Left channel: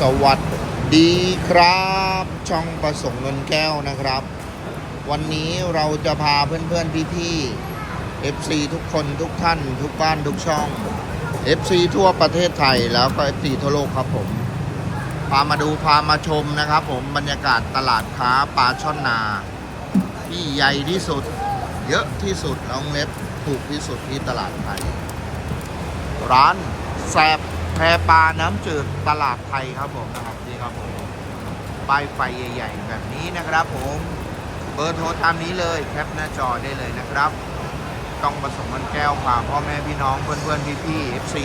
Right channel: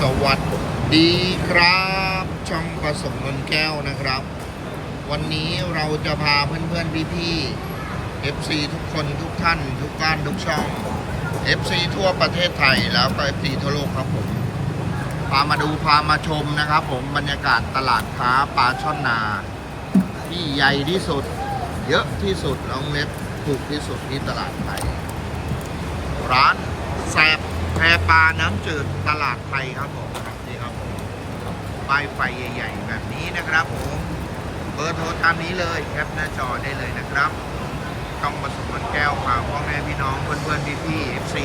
สวัสดีครับ ช่องประสมเงินแก้วนะครับ วันนี้เราจะพาเพื่อนๆพี่ๆ FC ทุกคนทุกท่าน ทุกบ้านทุกช่อง FC ทั่วประเทศไทยแล้วก็ FC ทั่วโลกครับผม พามาดูพามาชมนะครับผมบรรยากาศตลาดค้าปลาช่อนนา ที่ใหญ่ที่สุด เยอะที่สุดลองเล็บถูกที่สุดที่ตลาดไทย ร้านแซบ แพปลาน้ำจืดตลาดไทยครับผมนะครับนี่ครับผมป้ายไฟใหญ่ๆแบบนี้นะครับผมเบอร์โทรตามนี้เลยแคปหน้าจอได้เลยนะครับ ต้องผสมกันแก้วพาพ่อแม่พี่น้องเพื่อนๆพี่ๆ FC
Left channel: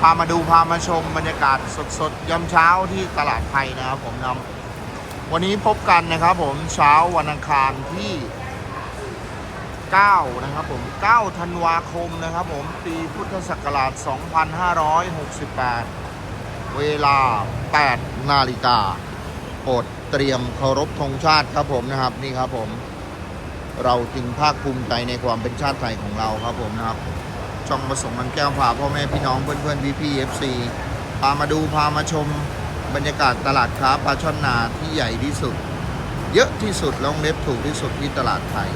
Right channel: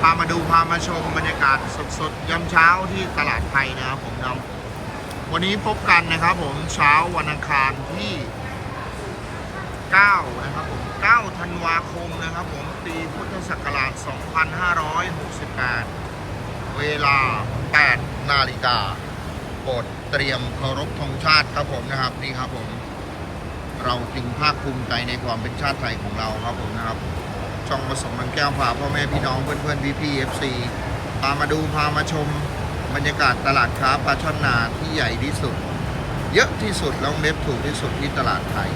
พามาดูพามาชมบรรยากาศสดๆยามเช้าที่ตลาดไทยนะครับผมนำวันนี้พบกันนะครับผมเช้าวันอังคารที่ 9 นะครับผม 9 ธันวาคมนะครับผม ปีพุทธศักราช 2568 เวลา 8 นาฬิกาโปรดเตรียมเคารพธงชาติครับผมนะครับนี่ครับผม เราจึงภาคภูมิใจในความเป็นชาติไทยของเราครับผมนะครับช่องผสมมันแก้วพาพ่อแม่พี่น้องเพื่อนๆพี่ๆ FC พามาดูพามาชมบรรยากาศตลาดค้าปลาช่อนนาที่ใหญ่ที่สุด เยอะที่สุดแล้วเล็บถูกที่สุดที่ตลาดไทย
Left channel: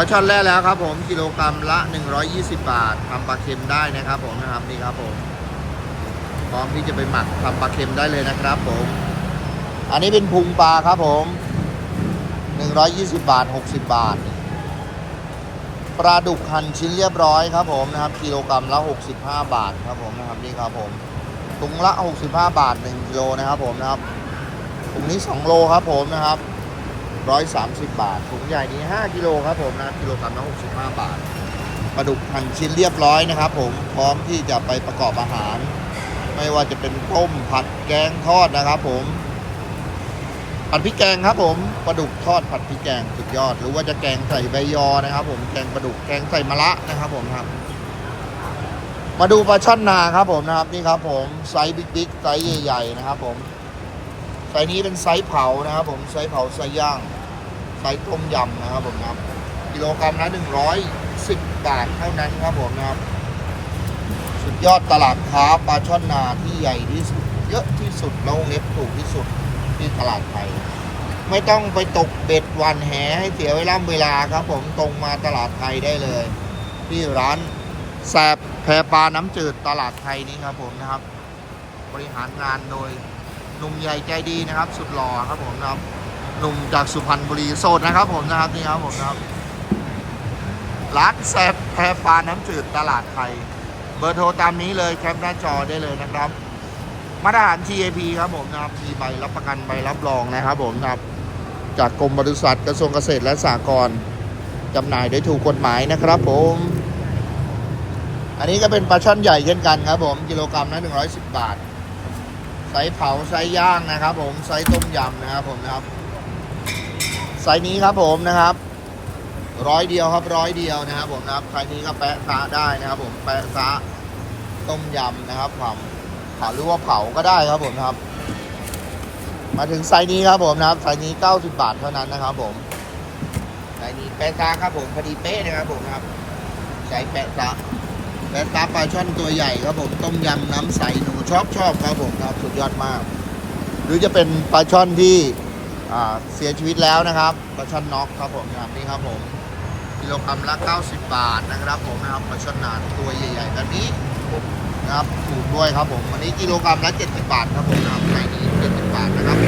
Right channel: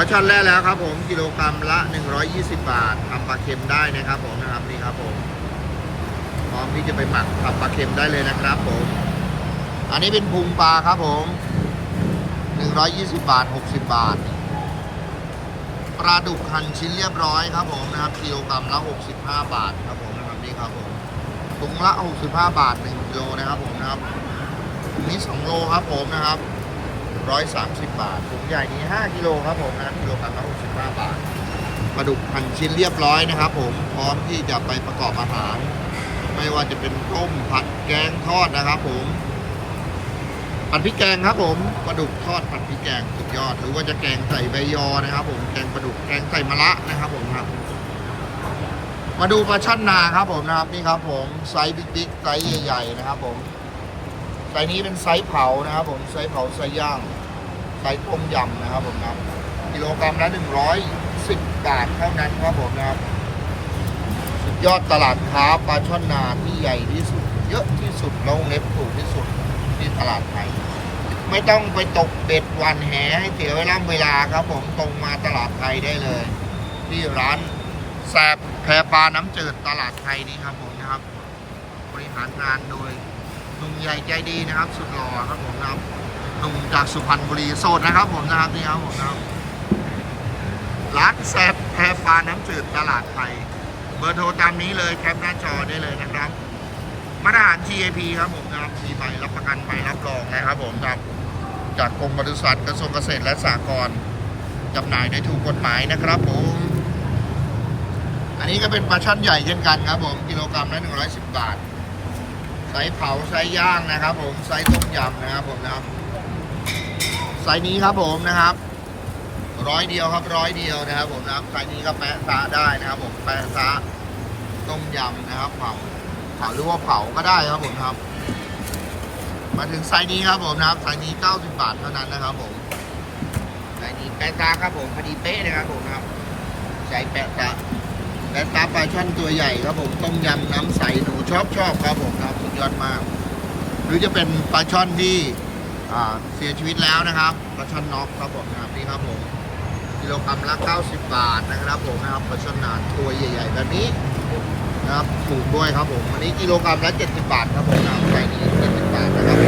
ปลาช่อนแร่แล้วครับผมกิโลกรัมละ 120 บาททำปลาเค็มได้นะครับผมนะครับนี่ครับผมพร้อมที่จะไปหมักทำปลาเค็มได้เลยนะครับผม อันนี้เป็นพุงปลาครับผม 120 บาท 60 บาทปลาดุกหั่นชิ้นเรียบร้อยครับผมนะครับกิโลกรัมละ 65 บาทครับผมนะครับนี่ครับผมถุงละ 65 บาท1กิโลนะครับผมนะครับถุงนี้ 2 โลครับผมนะครับ 130 บาทถุงใหญ่นี้ 5 กิโลครับผมนะครับกิโลกรัมละ65 บาทปลาดุกหั่นชิ้นเรียบร้อยนะครับผมพร้อมที่จะไปประกอบอาหาร ไม่ว่าจะเป็นต้มผัดแกงทอดนะครับผมผัดพริกแกงครับผมปลาดุกทอดผัดพริกแกงสุดยอด หรือว่าจะแกงใส่ใบยอนะครับ ผมแกงปลาดุกแกงใส่มะระนะครับผมครับ มาดูปลาช่อนนาครับผมนะครับนี่ครับผมไซส์บิ๊กๆไซส์ใหญ่ๆนะครับผม ไซส์นี้เป็นไซส์เผานะครับผมไซส์เผาไซส์ย่างไซส์ต้มยำนะครับผมนะครับกิโลกรัมละหนึ่งร้อยสิบบาทเท่านั้นครับผมนะครับ สุดยอดตลาดค้าปลาช่อนนาที่ใหญ่ที่สุด เยอะที่สุดแล้วเล็บถูกที่สุดที่ตลาดไทยไม่ต้องไปตกเบ็ดวันแหให้เสียเวลาเวลาครับ ผมตรงมาตลาดไทยได้เลย ที่ร้านแซบแพปลาน้ำจืดตลาดไทยนี้ครับผมนะครับ บริหารงานโดย หนุ่มใหญ่ใจดีนะครับ สุดหล่อครับผมนะครับหนุ่มจากสุพรรณบุรีโสดนะครับ ผมนะครับนี่ครับผมนะครับร้านแซบแพปลาน้ำจืดตลาดไทย เบอร์โทรตามนี้เลยแคปหน้าจอได้เลยนะครับมาตรฐาน TAP ครับผมนะครับมีใบรับประกันใบรับรองนะครับ ผมนะครับจากกรมบริษัทกระทรวงเกษตรและสหกรณ์จำหน่ายได้ถูกกฎหมายนะครับ ผม อันนี้ก็เป็นปลาช่อนใหญ่เช่นกันครับ ผมกิโลกรัมละ110 บาท ไซส์เผาไซส์ย่างนะครับ ผมไซส์ต้มยำนะครับผมนะครับไซส์นี้ครับผมนะครับร้อยเดียวครับร้อยเดียวนะครับ ผมนะครับไซส์นี้ก็แปะซะได้นะครับ ผมแปะซะต้มยำนะครับเผาเผาหรือว่าเผาก็ได้ครับผมนะครับ มาถึงไซส์นี้ครับผมนะครับไซส์นี้ 90 บาทเท่านั้นนะครับ ผมไซส์นี้แปะซะครับผมพอดีเป๊ะนะครับผมนะครับใช้แปะซะ แปะซะปลาช่อนตัวใหญ่ครับผมต้มยำน้ำใสหนูชอบชอบครับผมครับสุดยอดมาก หรือจะเป็นปลาช่อนที่เสียชีวิตแล้วนะครับปลาช่อนน็อกครับผมนะครับนี่ครับผมกิโลกรัมละ 90 บาทนะครับผมนะครับปลาช่อนนานตัวใหญ่ๆแบบนี้นะครับถูกด้วยครับผมวันนี้กิโลกรัมละ 70 บาทครับผมนะครับไซส์นี้70 บาทนะครับ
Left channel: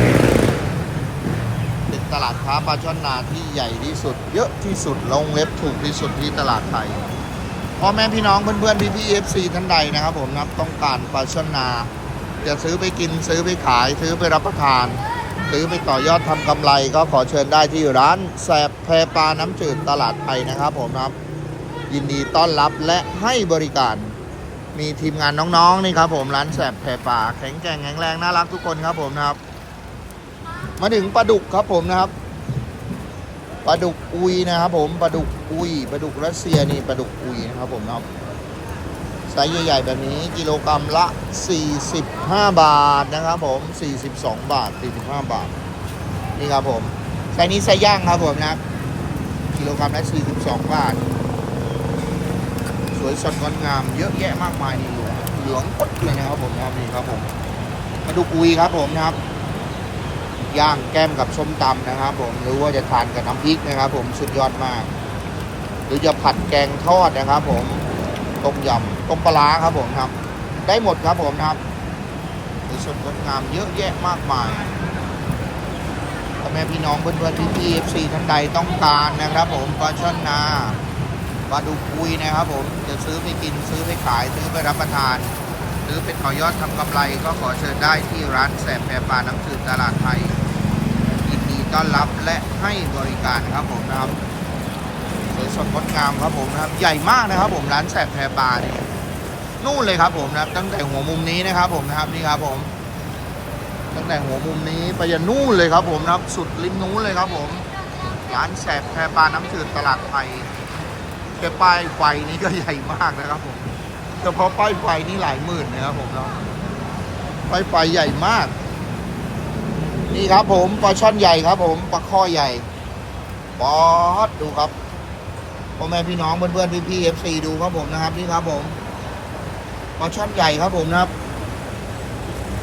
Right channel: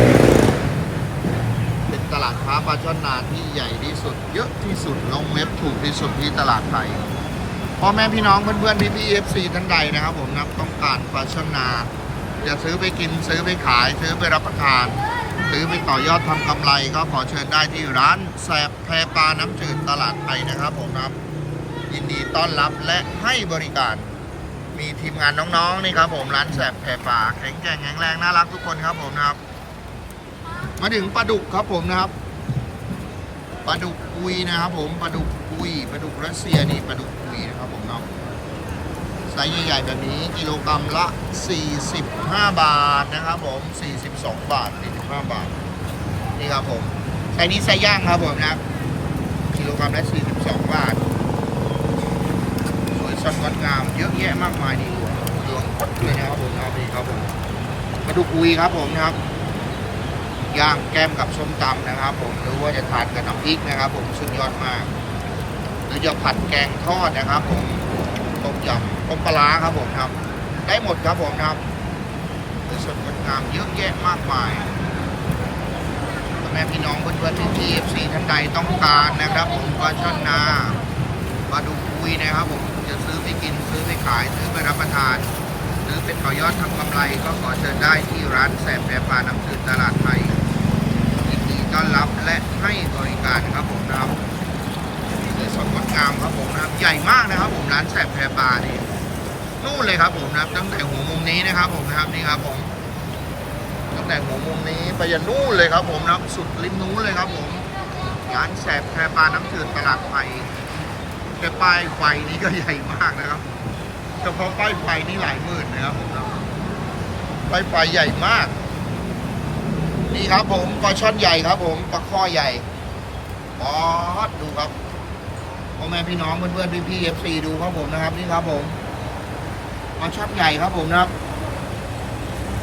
เป็นตลาดค้าปลาช่อนนาที่ใหญ่ที่สุด เยอะที่สุดลงเว็บถูกที่สุดที่ตลาดไทย พ่อแม่พี่น้องเพื่อนๆพี่พี่เอฟซีท่านใดนะครับผมนับต้องการปลาช่อนนาจะซื้อไปกินซื้อไปขายซื้อไปรับประทาน ซื้อไปต่อยอดทำกำไร ก็ขอเชิญได้ที่ร้านแสบแพรปลาน้ำจืดตลาดไทยนะครับผมนะครับยินดีต้อนรับและให้บริการ มีทีมงานน้องๆนี่ครับผมร้านแสบแพรปลาแข็งแกร่งแข็งแรงน่ารักทุกคนครับผมนะครับ มาถึงปลาดุกครับผมนะครับ ปลาดุกอุยนะครับผมปลาดุกอุยปลาดุกรัสเซียนี่ปลาดุกอุยนะครับผมนะไซส์ใหญ่ๆแบบนี้กิโลกรัมละ 45 บาทนะครับผม 42 บาท45บาทนี่ครับผมไซส์นี้ไซส์ย่างครับผมนะกิโลกรัมละ 42 บาท สวยสดงดงามเยอะแยะมากมายทีเดียวเหลืองหมดเลยนะครับผมเอาดีครับผมปลาดุกอุยครับผมนะครับ ย่างแก้มกับส้มตำนะครับผมหรือว่าจะทานกับน้ำพริกนะครับ ผมสุดยอดมาก หรือจะผัดแกงทอดนะครับ ผมต้มยำต้มปลาครับผมครับ ได้หมดครับผมครับมีส่วนงดงามเยอะแยะมากมายพ่อแม่พี่น้องเพื่อนๆที่ทีเอฟซีท่านใดต้องการนะครับ ผมปลาช่อนนาปลาดุกอุยนะครับ ผมจะซื้อไปกินซื้อไปขายซื้อไปรับประทานหรือเป็นต่อยอดทำกำไรก็ขอเชิญได้ที่ร้านแสบแปรปลาน้ำจืดตลาดไทย ต้อนรับและให้บริการครับผมนะครับสดงดงามครับผมนะครับใหญ่มากนะครับผมร้านแสบแพรปลานี่นู่นเลยครับผมนะครับ ตั้งแต่หัวมุมนี้นะครับผมนะครับนี่ครับผมตั้งแต่หัวมุมนี้ไปยันนู่นเลยครับผมนะครับ สุดริมนู้นเลยครับผมร้านแสบแพรปลาน้ำจืดตลาดไทยแต่ป้ายไฟนี้ก็ใหญ่มากนะครับผมเฉพาะป้ายไฟนี่หลายหมื่นนะครับผมนะป้ายไฟใหญ่มาก นี่ครับผมปลาช่อนใหญ่ครับ ผมปลาข้อใหญ่บอสดูครับพ่อแม่พี่น้องเพื่อนๆพี่ๆเอฟซีดูครับผมนะครับนี่ครับผมปลาช่อนใหญ่ครับผมนะครับ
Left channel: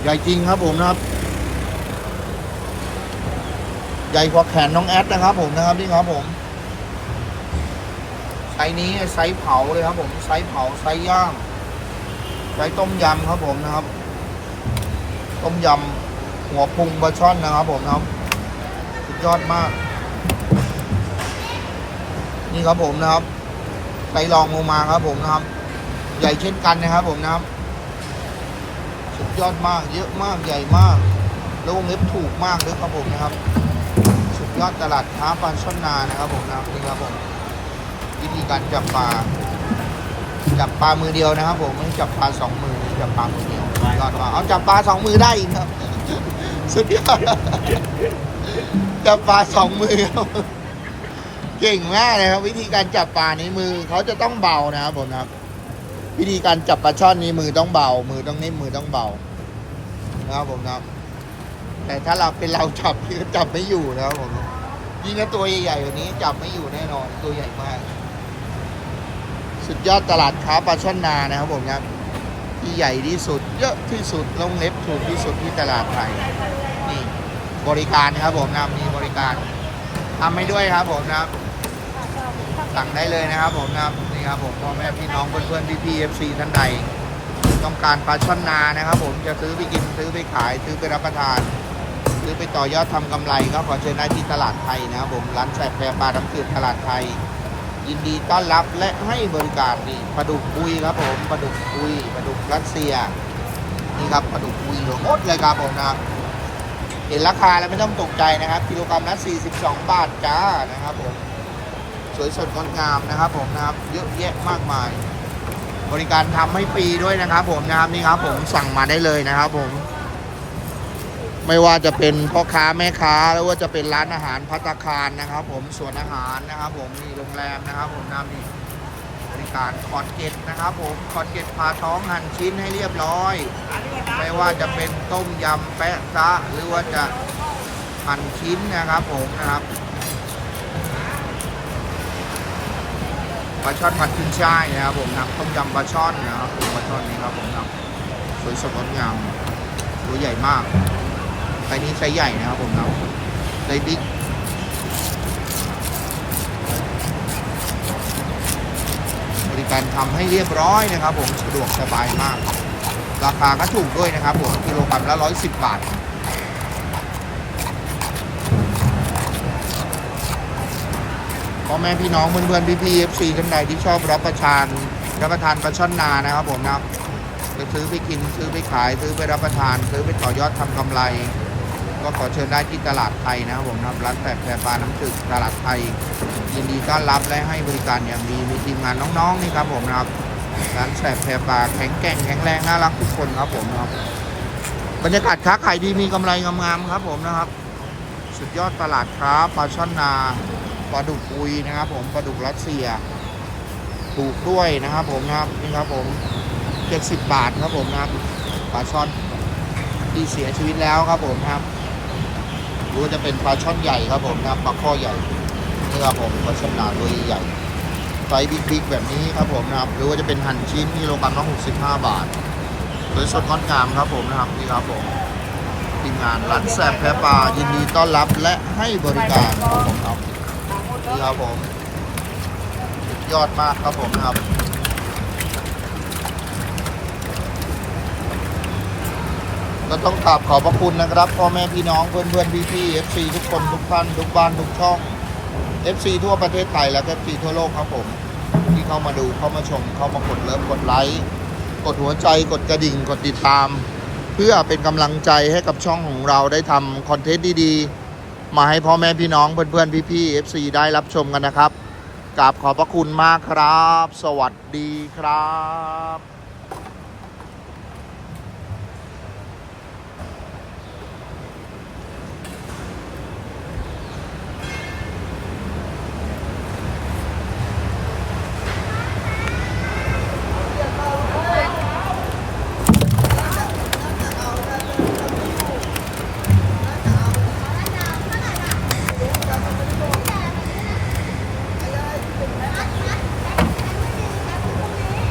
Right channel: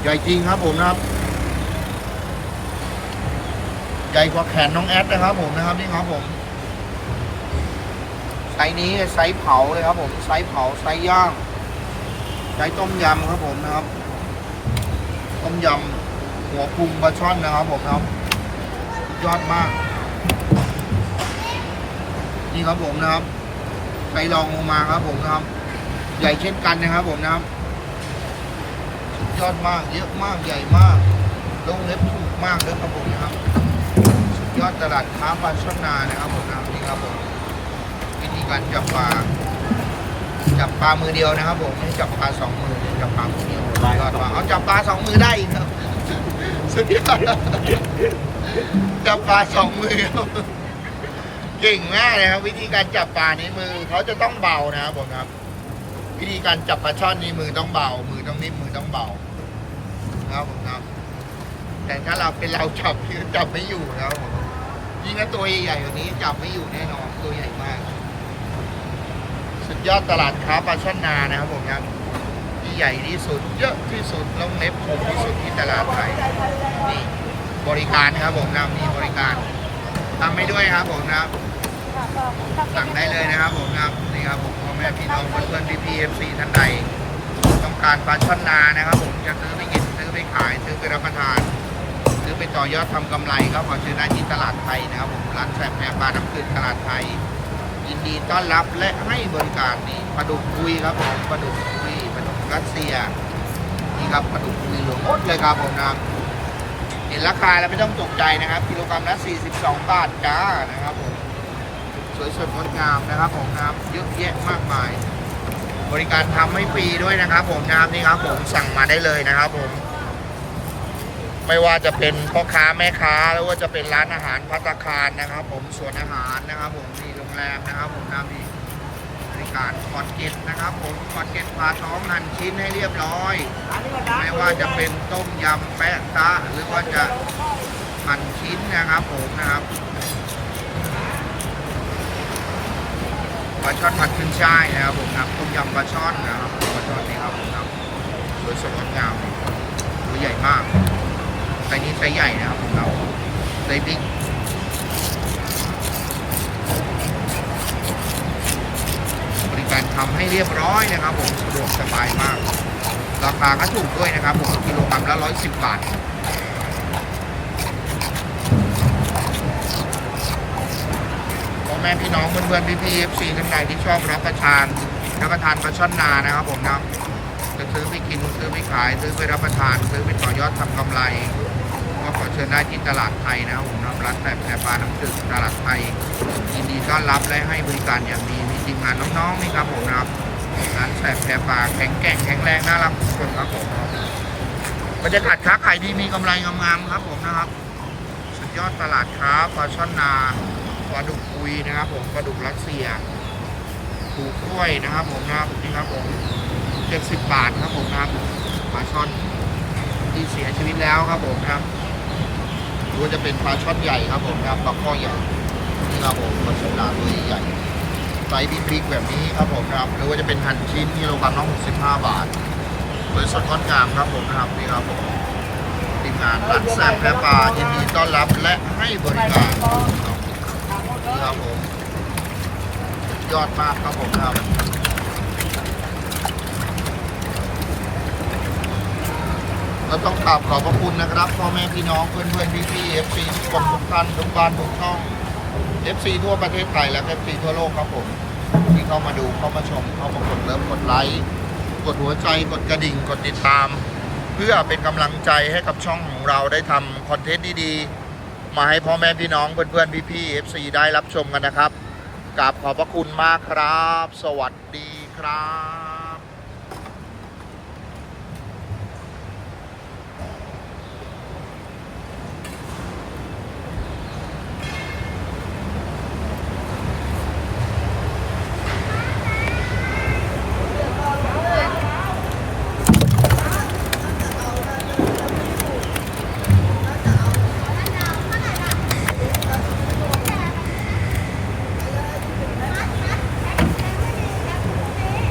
ใหญ่จริงครับผมนะครับ ใหญ่กว่าแขนน้องแอดนะครับ ผมนะครับนี่ครับผมไซส์นี้ไซส์เผาเลยครับ ผมไซส์เผาไซส์ย่างไซส์ต้มยำครับผมนะครับ ต้มยำ หัวพุงปลาช่อนนะครับผมนะครับยอดมาก นี่ครับผมนะครับไซส์รองลงมาครับผมนะครับ ใหญ่เช่นกันนะครับผมนะครับยอดมากเยอะมากใหญ่มากแล้ววงเล็บถูกมากเลยครับผมนะครับสุดยอดตลาดค้าปลาช่อนนานะครับผมนะครับนี่ครับผมวิธีการจับปลาจับปลามือเดียวนะครับผมไม่จับปลาสองมือจับปลามือเดียวยอดมากเอาจับปลาสองมือได้อีกครับ สุดยอดจับปลาสองมือครับเก่งมากนะครับ วิธีการจับปลานี้มือเขาจะต้องเบานะครับผมครับ วิธีการจับปลาช่อนนี้มือต้องเบา มือต้องนิ่มมือต้องเบานะครับผมครับ แต่ถ้าเราเป็นเราจับจับไม่อยู่นะครับผมยิ่งถ้าตัวใหญ่ๆกว่านี้จับไม่อยู่แน่นอนตัวใหญ่มาก สุดยอดตลาดค้าปลาช่อนนานะครับผมนะที่ ใหญ่ที่สุด เยอะที่สุดลงเล็บถูกที่สุดที่ตลาดไทยนี่บริการนะครับผมนะมีบริการทำให้ด้วยครับผมนะสั่งได้เลยนะครับผมนะครับนี่ครับผมพ่อแม่พี่น้องเพื่อนๆพี่ๆเอฟซีท่านใดต้องการปลาช่อนนานะครับ ผมจะซื้อไปกินซื้อไปขายซื้อไปรับประทานหรือไปต่อยอดทำกำไรก็ขอเชิญได้ที่ตลาดไทยนะครับผมร้านแสบแพรปลาน้ำจืดตลาดไทยยินดีต้อนรับและให้บริการนี่ปลาดุกคุยครับผมปลาดุกคุย รัสเซียนี่ครับปลาดุกคุยหลืองหมดเลยครับผมนะเห็นราคาแล้วไม่ต้องตกใจนะครับกิโลกรัมละ42 บาทจ้านะครับผมสวยสดงดงามนะครับผมนะครับเยอะแยะมากมาย บริการทำให้ฟรีด้วยนะครับ ผมนะครับนี่ครับผมสั่งมาได้เลยนะครับผม ไม่ว่าจะเป็นพ่อค้าแม่ค้าหรือว่าจะเป็นร้านอาหารพัตคารนะครับ ผมสวนอาหารนะครับ ผมมีโรงแรมนะครับ ผมนะมีบ การคอดเก็ตนะครับผมคอดเก็ตพาท้องหั่นชิ้นให้เรียบร้อย ไม่ว่าจะเป็นต้มยำแปะซะหรือว่าจะหั่นชิ้นนะครับผมนะครับปลาช่อนผัดขึ้นช่ายนะครับผมนะครับต้มยำปลาช่อนนะครับปลาช่อนนี่ครับผมนะครับสวยสดงามตัวใหญ่มากไซส์นี้ไซส์ใหญ่นะครับผมเราไซส์บิ๊ก การทำให้เรียบร้อยนะครับผมสะดวกสบายมาก ราคาก็ถูกด้วยนะครับผมกิโลกรัมละร้อยสิบบาทพ่อแม่พี่น้องเพื่อนๆพี่ๆเอฟซีท่านใดที่ชอบรับประทานรับประทานปลาช่อนนานะครับผมนะจะซื้อไปกินซื้อไปขายซื้อไปรับประทาน ซื้อไปต่อยอดทำกำไร ก็ขอเชิญได้ที่ตลาดไทยนะครับผมนะร้านแปดแพรปลาน้ำจืดตลาดไทยยินดีต้อนรับและให้บริการอย่างดีมี ทีมงานน้องๆนี่ครับผมนะครับร้านแปดแพปาแข็งแกร่งแข็งแรงน่ารักทุกคนครับผมบรรยากาศค้าขายดีมีกำไรงามๆครับผมนะครับ สุดยอดตลาดค้าปลาช่อนนาปลาดุกคุยนะครับ ผมปลาดุกรัสเซียปูกล้วยนะครับ ผมนะครับนี่ครับผมเจ็ดสิบบาทครับผมนะครับปลาช่อนที่เสียชีวิตแล้วครับผมนะครับหรือว่าจะเป็นปลาช่อนใหญ่ครับผมนะครับปลาข้อใหญ่นี่ครับผมปลาฉลาตัวใหญ่ ไซส์บิ๊กๆแบบนี้ครับผมนะครับหรือว่าจะเป็นหั่นชิ้นกิโลกรัมละ65 บาทโดยสดงดงามครับผมนะครับนี่ครับผมทีมงานร้านแซ่บแพ้ปลายินดีต้อนรับและให้บริการครับนี่ครับผมยอดมากครับผมครับก็ต้องกราบขอบพระคุณนะครับพ่อแม่พี่น้องเพื่อนเพื่อนพี่พี่เอฟซีทุกคนทุกท่านทุกบ้านทุกช่อง เอฟซีทั่วประเทศไทยและเอฟซีทั่วโลกครับผม ที่เข้ามาดูเข้ามาชม เข้ามากดเลิฟกดไลค์กดหัวใจกดกระดิ่งกดติดตาม เพื่อเป็นกำลังใจให้กับช่องของเราได้ทำคอนเทนต์ดีๆ มาให้พ่อแม่พี่น้องเพื่อนเพื่อนพี่พี่เอฟซได้รับชมกันนะครับกราบขอบพระคุณมากครับ สวัสดีครับ